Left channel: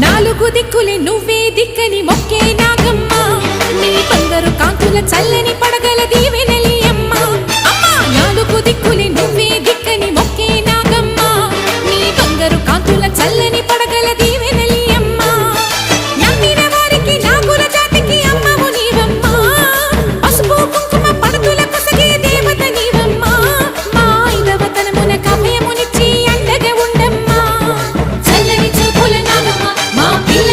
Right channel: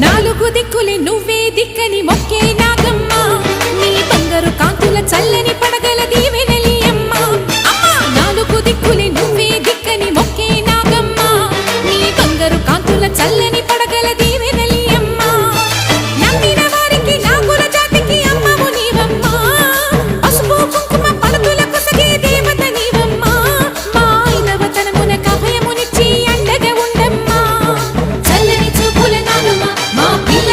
నాలుగు దిక్కులే నువ్వే దిక్కని మొక్కే నాగమ్మ నీ బంగారు కాంతుల చల్లని పడగల దీవెనలి అమ్మ అమ్మా నాలుగు దిక్కులే నువ్వే దిక్కని మొక్కే నాగమ్మ నీ బంగారు కాంతుల చల్లని పడగల దీవెనలి అమ్మ నమ్మిన వారికి నాగుల జాతికి అమ్మవు నీవమ్మా పసుపు కుంకుమ పడతుల కొసగే దేవత నీవమ్మా మా ఐదవతనమునకు అభయమునిచ్చి అండగా ఉండమ్మా చల్లని చూపుల నాగమ్మ మా పిల్ల